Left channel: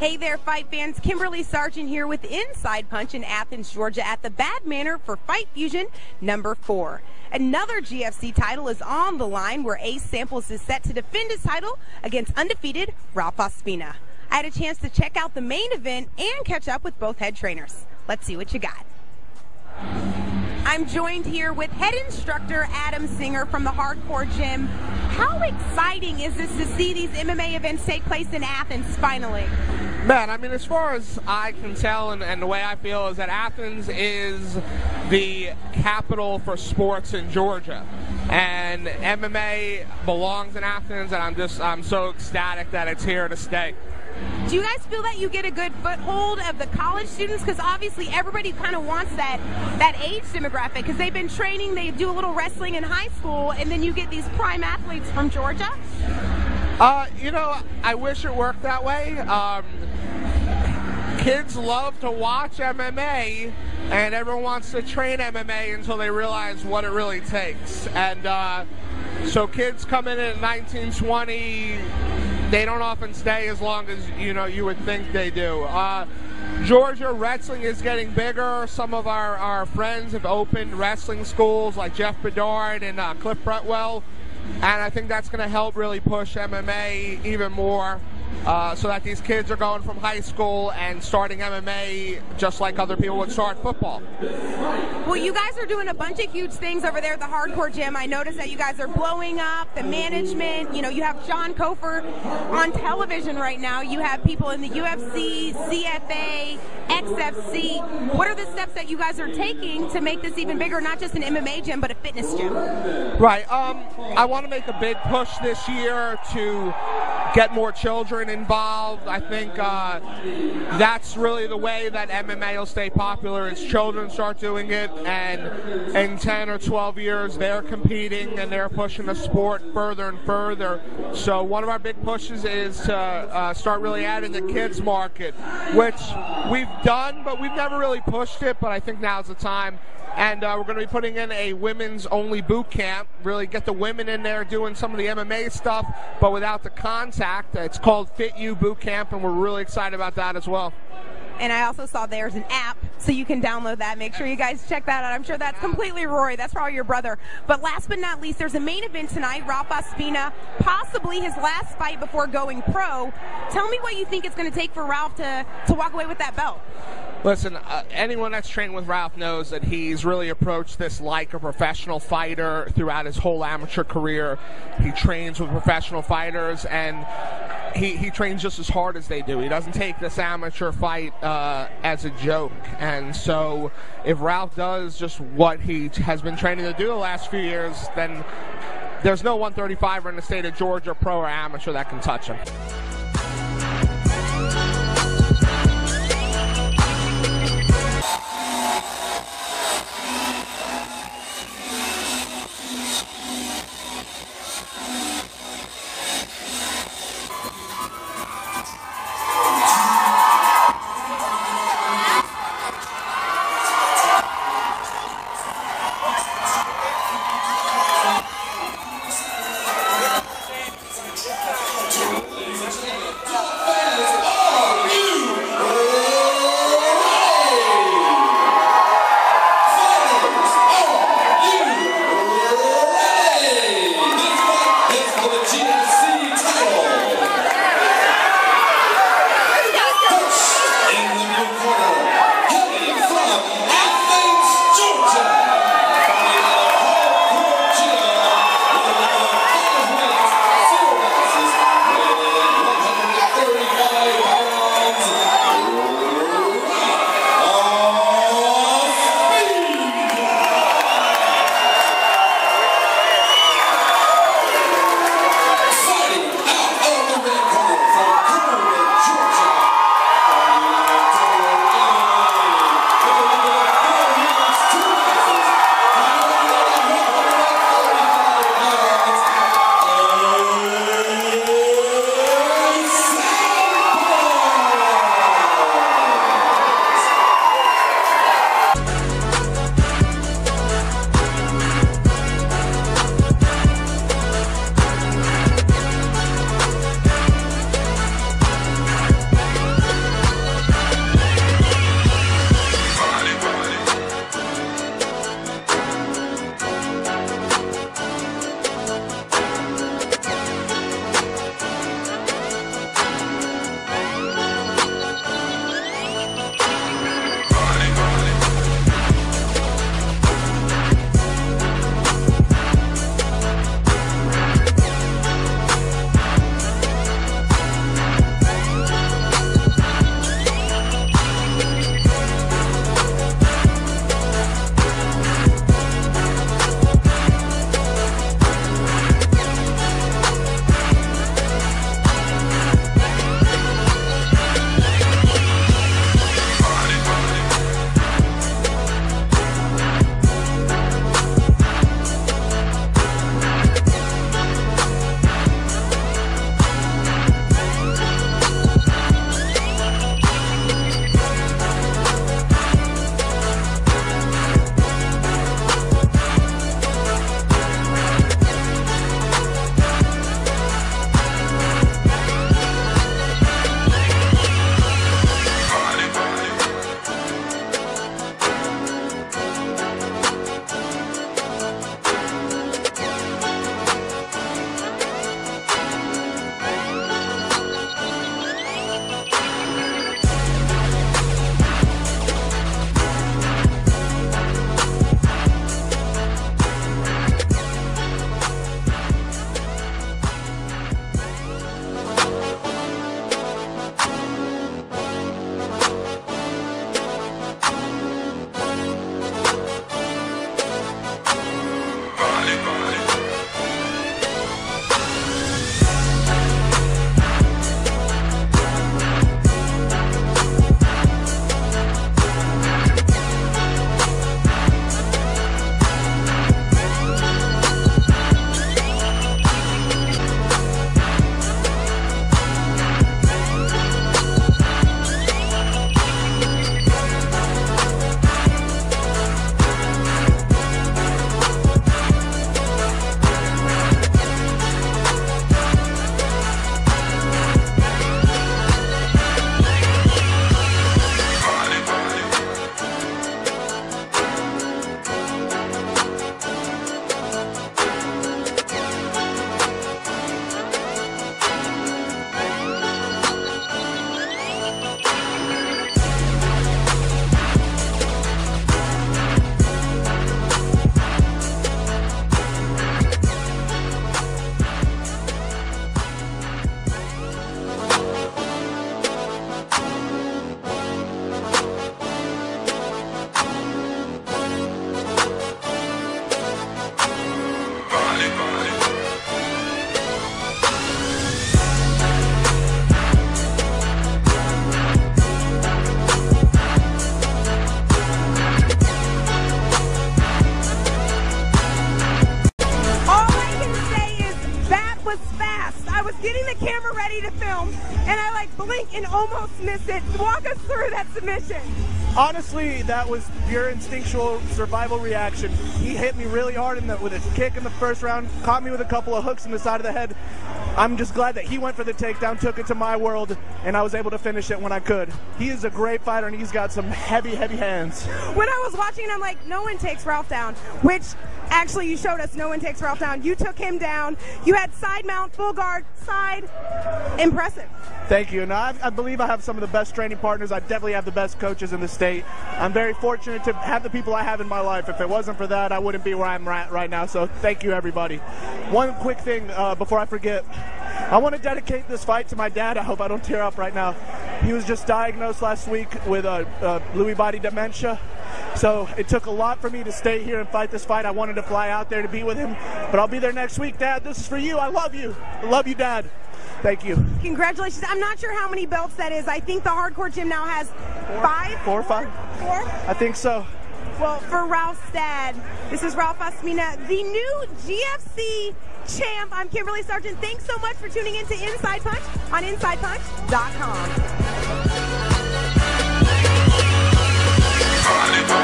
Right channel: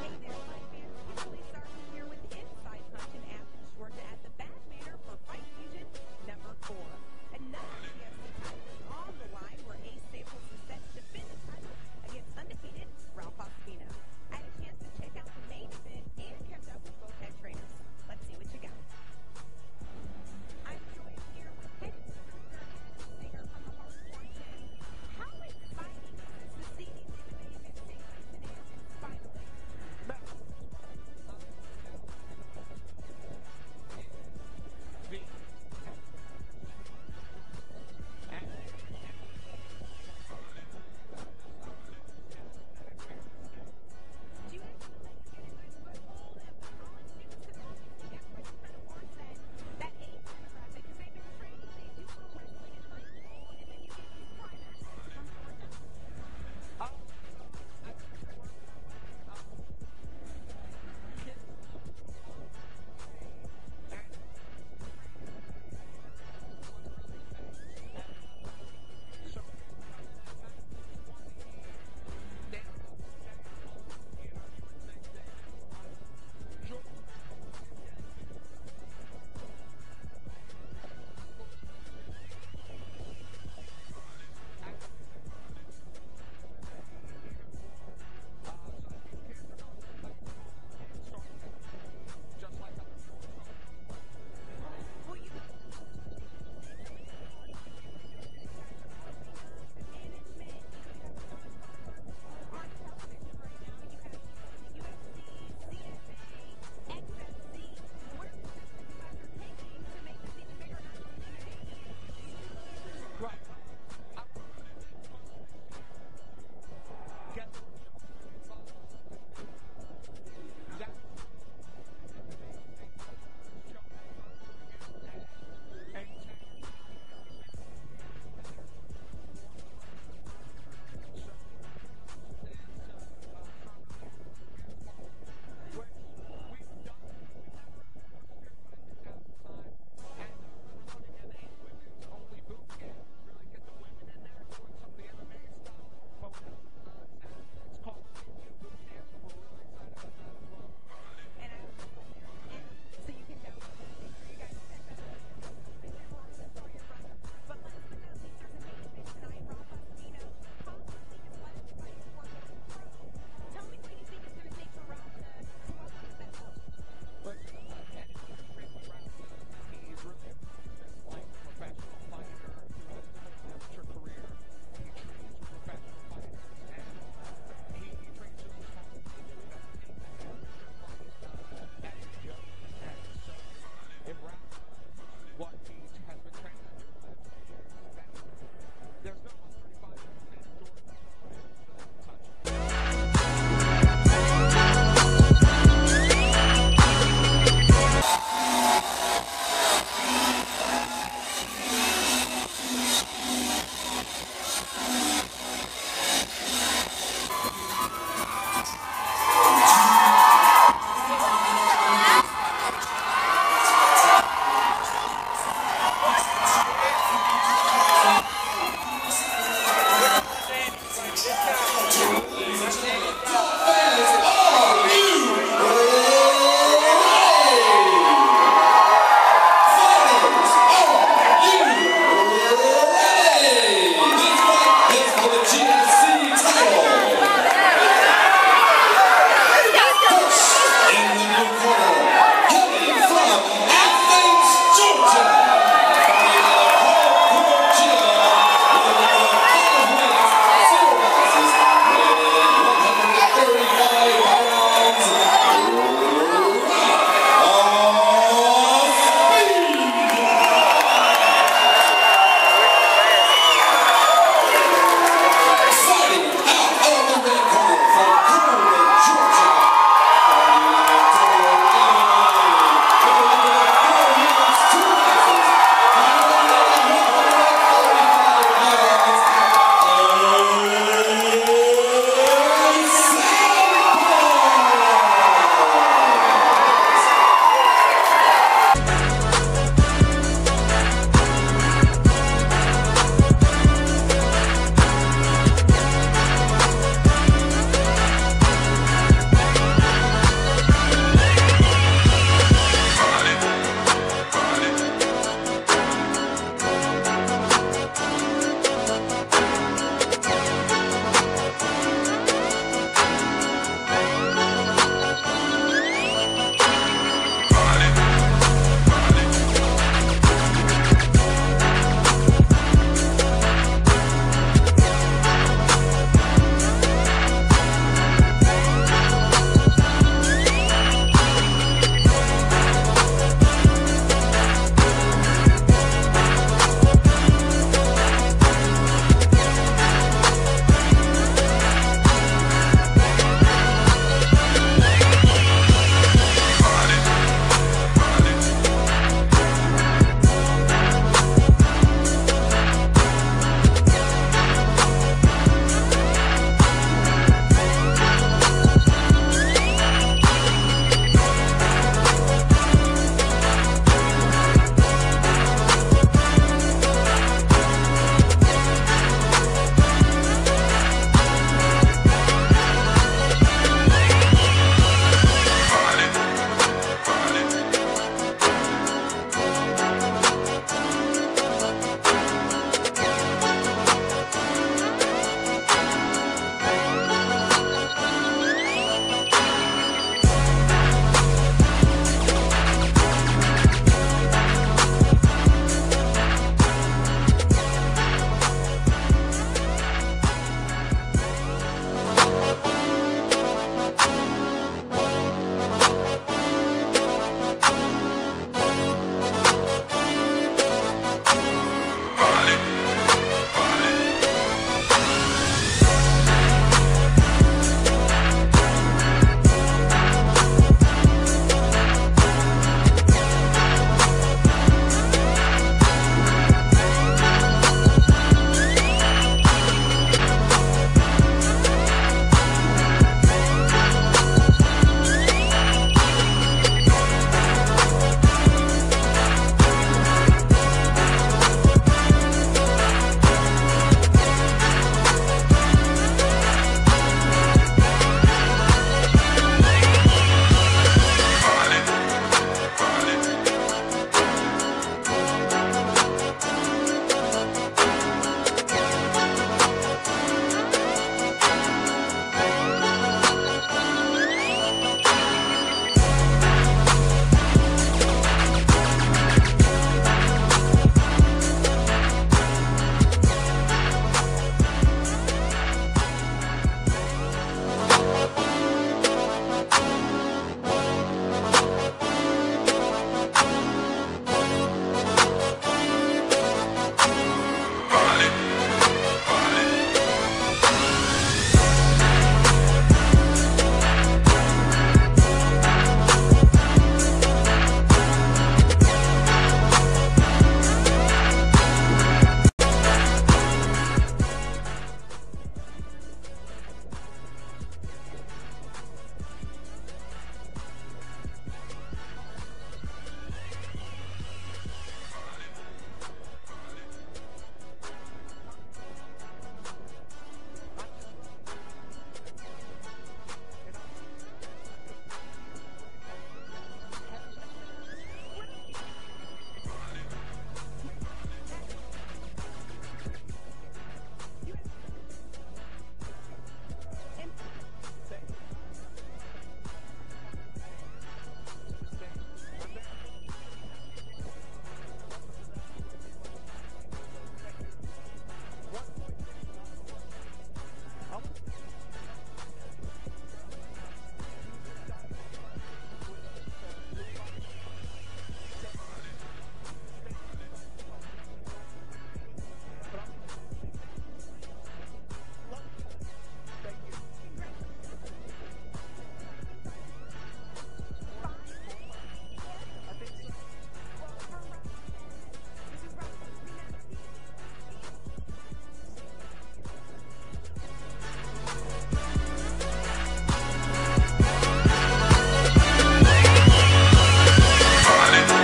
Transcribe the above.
Hey there, fight fans. Kimberly Sargent here with Inside Punch in Athens, Georgia at the Bad Manor for Fight Fusion number 4. Another GFC title is on the line where Ace Samples is set to defend his title against undefeated Ralph Ospina. I had a chance to check out the main event and catch up with both head trainers. Let's see what you got. I'm joined here with head instructor Adam Singer from the HardCore gym. How exciting is this to see these MMA events take place in Athens finally? Man, I mean, as far as I can tell and the way I feel is that Athens is the capital for sports in Georgia. And MMA belongs in Athens, and I'm so ecstatic that it's here to stay. Do you guys feel that you get a good foothold of the college students? Because obviously everybody kind of wants that age demographic, because they've been training, they do a little wrestling in high school, and then you get these prime athletes from Georgia? You know, I wish it worked that way. Kids love to watch MMA, and everyone wants to train MMA until they realize what it really takes. And so kids come in at 19, 20, they don't often stay as long as, you know, you would think they do. Georgia wrestling is getting bigger. Some of our friends have opened wrestling schools like Jeff Bedard and Cliff Bretwell, and I think that's going to help really push MMA even more. So that these kids are going from high school and starting MMA just like other people would start football. Well, you guys are doing a bunch of huge things over there at the HardCore gym. I noticed that you guys are blowing up the management. You know, you have John Kofer on television right now. You have people in the UFC, CFA, XFC. What are the steps that you guys are taking to make this even bigger, not just an MMA gym, but a fitness gym? Right. I want to make a big push this year to get more children involved. I think that's really the way that MMA will stay popular, is children start doing it, and in 10 or 12 years they're competing and they're pushing the sport further and further. So one of our big pushes is to start really adding the kids market, which we've done, but we've never really pushed it, but I think now's the time. And we're going to be putting in a women's-only boot camp, really get the women in there doing some of the MMA stuff, but without the contact. It's called Fit You Boot Camp, and we're really excited about that as well. And I also saw there's an app, so you can download that. Make sure you guys check that out. I'm sure that's completely Rory. That's probably your brother. But last but not least, there's a main event tonight. Ralph Ospina, possibly his last fight before going pro. Tell me what you think it's going to take for Ralph to walk away with that belt. Listen, anyone that's trained with Ralph knows that he's really approached this like a professional fighter throughout his whole amateur career. He trains with professional fighters, and he trains just as hard as they do. He doesn't take this amateur fight as a joke. And so if Ralph does just what he has been training to do the last few years, then there's no 135er in the state of Georgia, pro or amateur, that can touch him. I was getting the camera ready to film, and I like blink and almost miss it. Walk us through that submission. Honestly, that was pure instinctual survival reaction. He hit me really hard with a kick in the first round, caught me with a couple of hooks in the side of the head. I'm just glad that he went for the takedown, took it to my world, and I was able to finish it when I could. He is a great fighter, and he's got some heavy, heavy hands. When I was watching, I'm like, no one takes Ralph down, which actually you showed us no one takes Ralph down. You took him down. You had side mount, full guard, side. Impressive. Thank you. Now, I believe I have some of the best training partners. I definitely have the best coaches in the state. I'm very fortunate to have the people I have in my life. If it wasn't for that, I wouldn't be where I'm at right now. So thank you, everybody. One quick thing before I forget. I want to dedicate this fight to my dad. I hope I don't tear up right now. He was just diagnosed last week with Lewy body dementia. So it took a lot for me to stay here and fight this fight. I wanted to fly out there to be with him, but I'll be there next week. Dad, this is for you. I love you. I love you, Dad. Thank you. Congratulations. I'm not sure how many belts that is. I think the HardCore gym now has 5? 4 or 5? 4? I think so. Well, for Ralph's dad, this is Ralph Ospina, the new GFC champ. I'm Kimberly Sargent. Thanks so much for tuning in to Inside Punch on InsidePunch.com.